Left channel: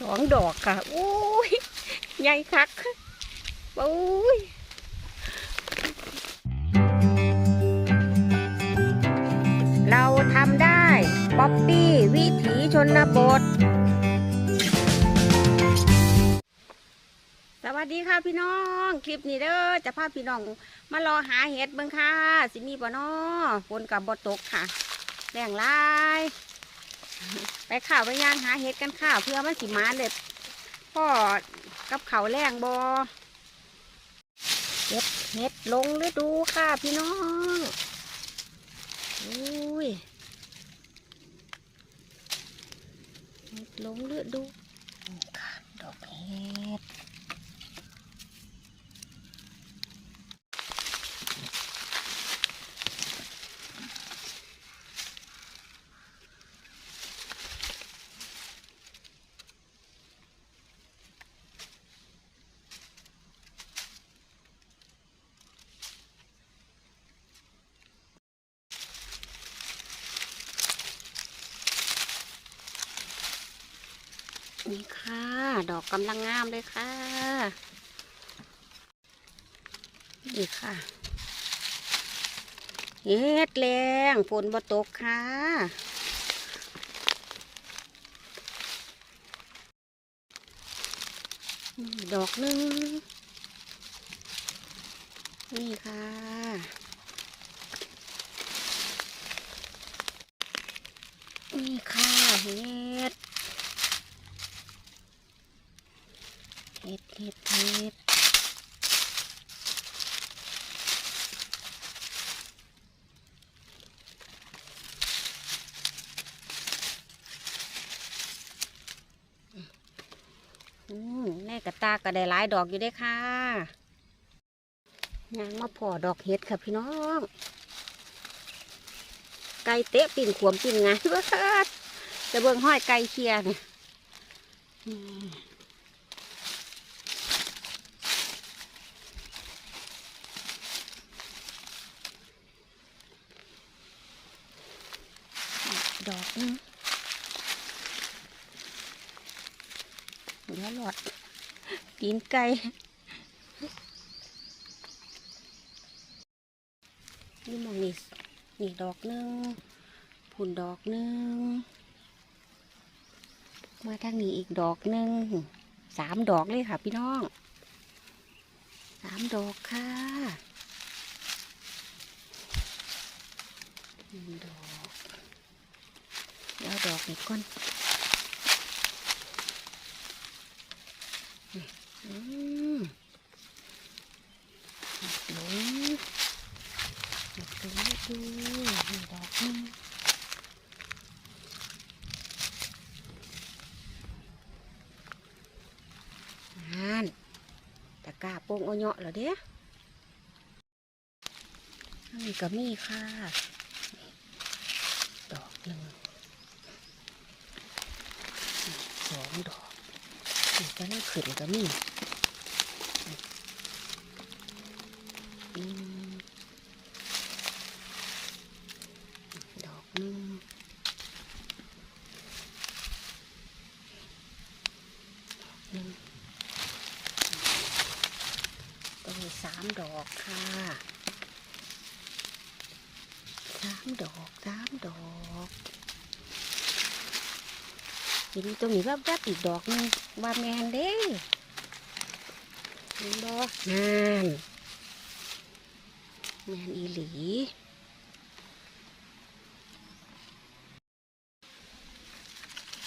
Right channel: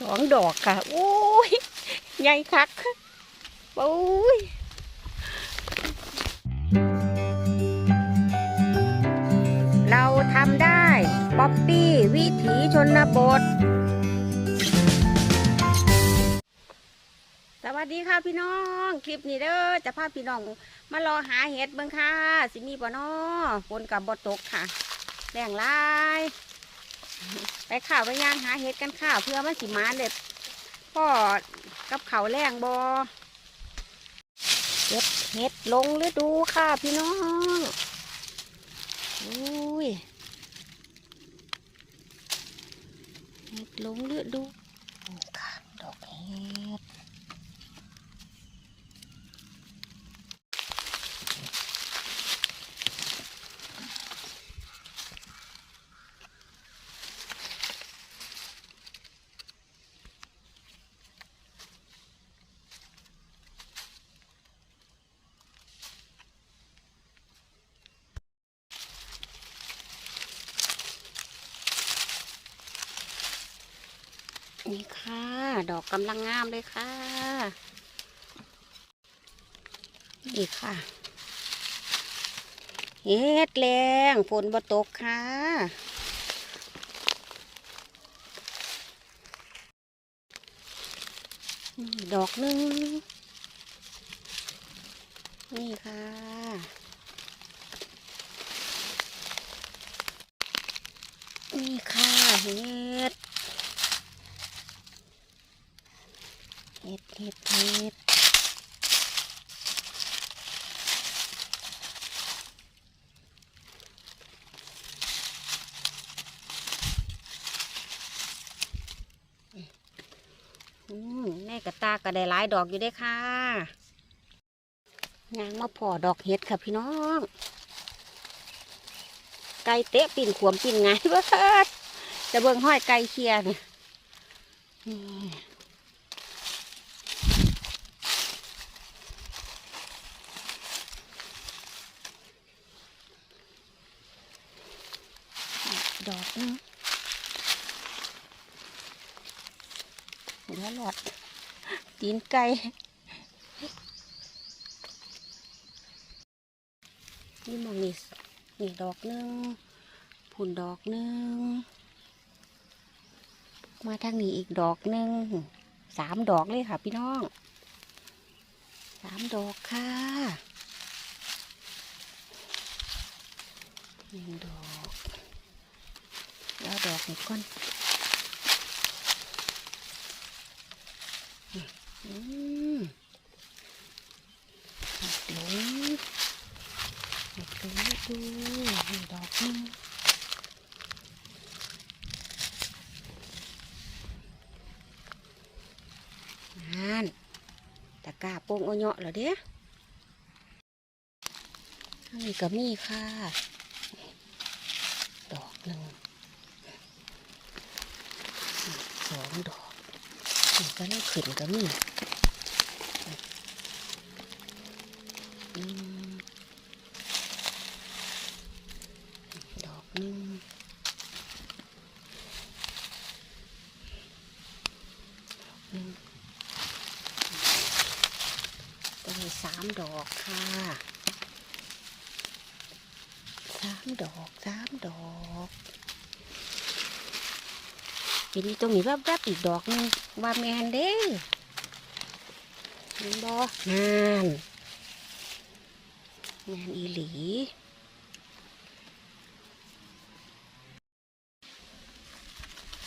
สองดอกค่ะโอ้ยใหญ่คักโอ้ยเราทำได้ป๊อปปี้วิถีชนบท สวัสดีค่ะพี่น้อง คลิปนี้เด้อจะพาพี่น้องมารอหาเห็ดเบิ่งค่ะ สิมีบ่นอฝนกับบตกค่ะแรงลาย ไปข่าวไปย่างหาเห็ดกันค่ะเพื่อมันสิมาเด็ดพ่อกับเขาแรงบอเห็ดเห็ดลงฤดูค่ะพี่น้องอุ้ยเห็ดลงฤดูค่ะดอกเห็ด นี่ค่ะ ดอกกำลังงามเลยค่ะ นี่ค่ะ เฮ็ดแรงฝนบ่ตกค่ะดอกหนึ่งนี่ค่ะ นี่ค่ะเฮ็ด เห็ดเห็ดเห็ดแม่กระตากระได้หลายดอกอยู่เด้ค่ะยางมาพอดอกเห็ดค่ะพี่น้อง ไก่เตะปิ่นขวมปิ่นไงเบ้ดจะเบิ่งห้อยไก่เคียเนี่ย ดอกนึงเดี๋ยวหลอดตีนไก่นี่มองนี่นี่ดอกหนึงผุนดอกหนึง มาทางนี้อีกดอกหนึงสามดอกเลยค่ะพี่น้องสามดอกค่ะหนึ่งดอก เดี๋ยวดอกนี้ก่อนอืมหลงหลงดูนี่ดอกนึงนั่นตะกาโป่งเอาเหยาะเหรอเด้นี่ก็มีค่ะ ดอกหนึ่ง สองดอก นี่ก็น่าขึ้นก็มีดอกหนึงดอกหนึงก็มีสามดอกค่ะสามดอกสามดอก ทีนี้ตรงนี้แวบๆอีกดอกนึงว่าแมนเด้อเห็นบ่งานงานอีหลี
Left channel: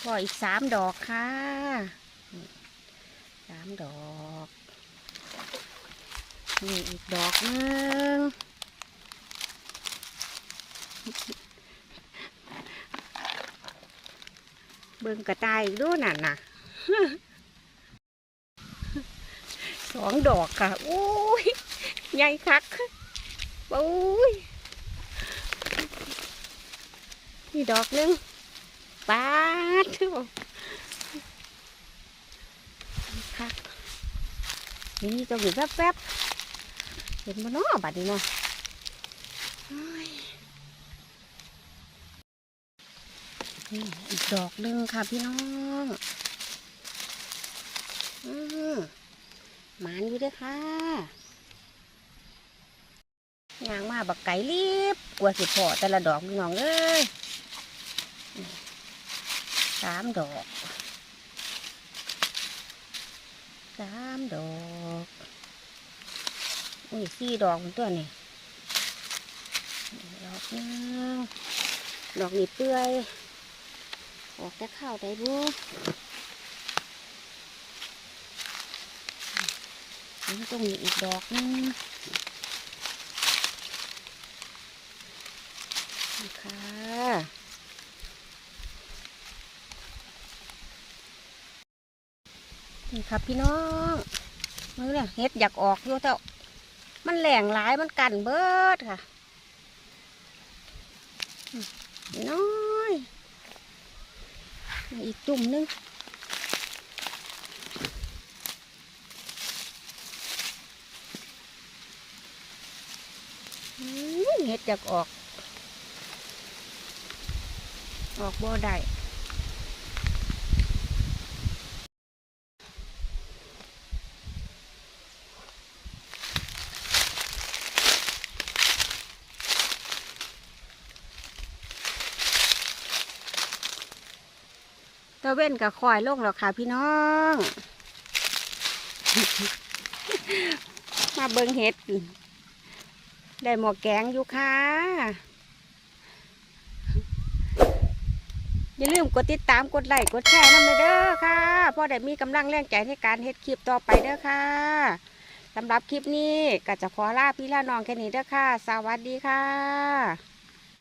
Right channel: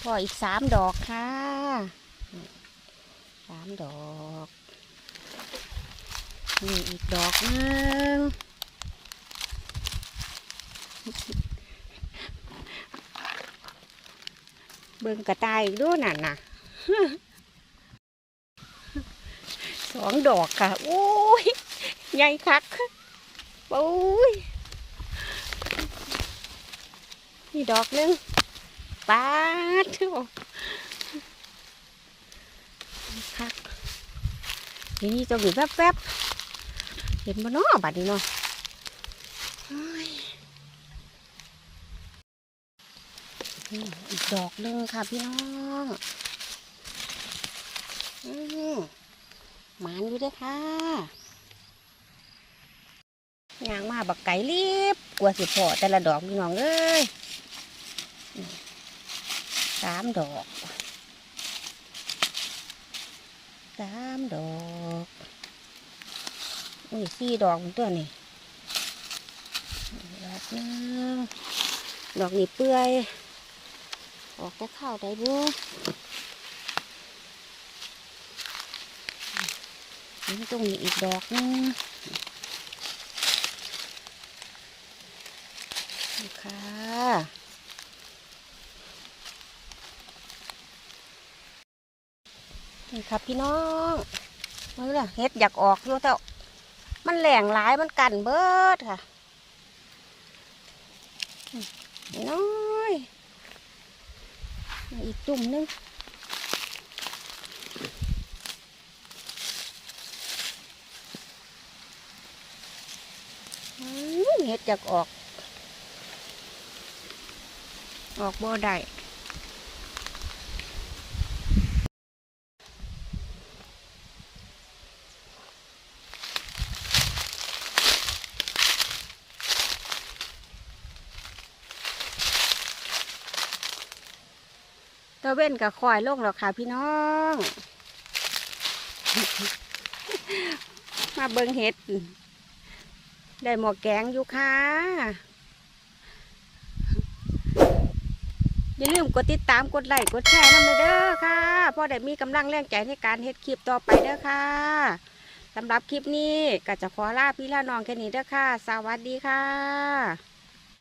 พออีกสามดอกค่ะสามดอก นี่อีกดอกหนึง เบิ่งกระต่ายด้วยนั่นน่ะสองดอกค่ะโอ้ยใหญ่คักโอ้ยนี่ดอกหนึงปาดเถอะคักนี่นี่จะอยู่แวบๆเห็นมันเนาะบัดนี้เนาะโอ้ย นี่ อีกดอกหนึ่งค่ะพี่น้องอืมหมานอยู่เด้วยค่ะยางมาบักไก่รีบกลัวสิพอแต่ละดอกพี่น้องเอ้ยสามดอกสามดอกอุ้ยสี่ดอกมันตัวนี่ดอกนึงดอกนี่เปื่อย ออกแต่ข้าวได้บุนี่ตรงนี้อีกดอกนึงค่ะนี่ครับพี่น้องมือเนี่ยเฮ็ดอยากออกอยู่แต่มันแหลงหลายมันกันเบิดค่ะ พี่น้อย อีกตุ่มนึงเห็ดจากออก ออกบ่ได้ ตะเว้นกับคอยลงแล้วค่ะพี่น้อง มาเบิงเห็ด ได้หมอแกงอยู่ค่ะ อย่าลืมกดติดตามกดไลค์กดแชร์นะเด้อค่ะพราะได้มีกำลังแรงใจในการเฮ็ดคลิปต่อไปเด้อค่ะสำหรับคลิปนี้ก็จะขอลาพี่ลาน้องแค่นี้เด้อค่ะ สวัสดีค่ะ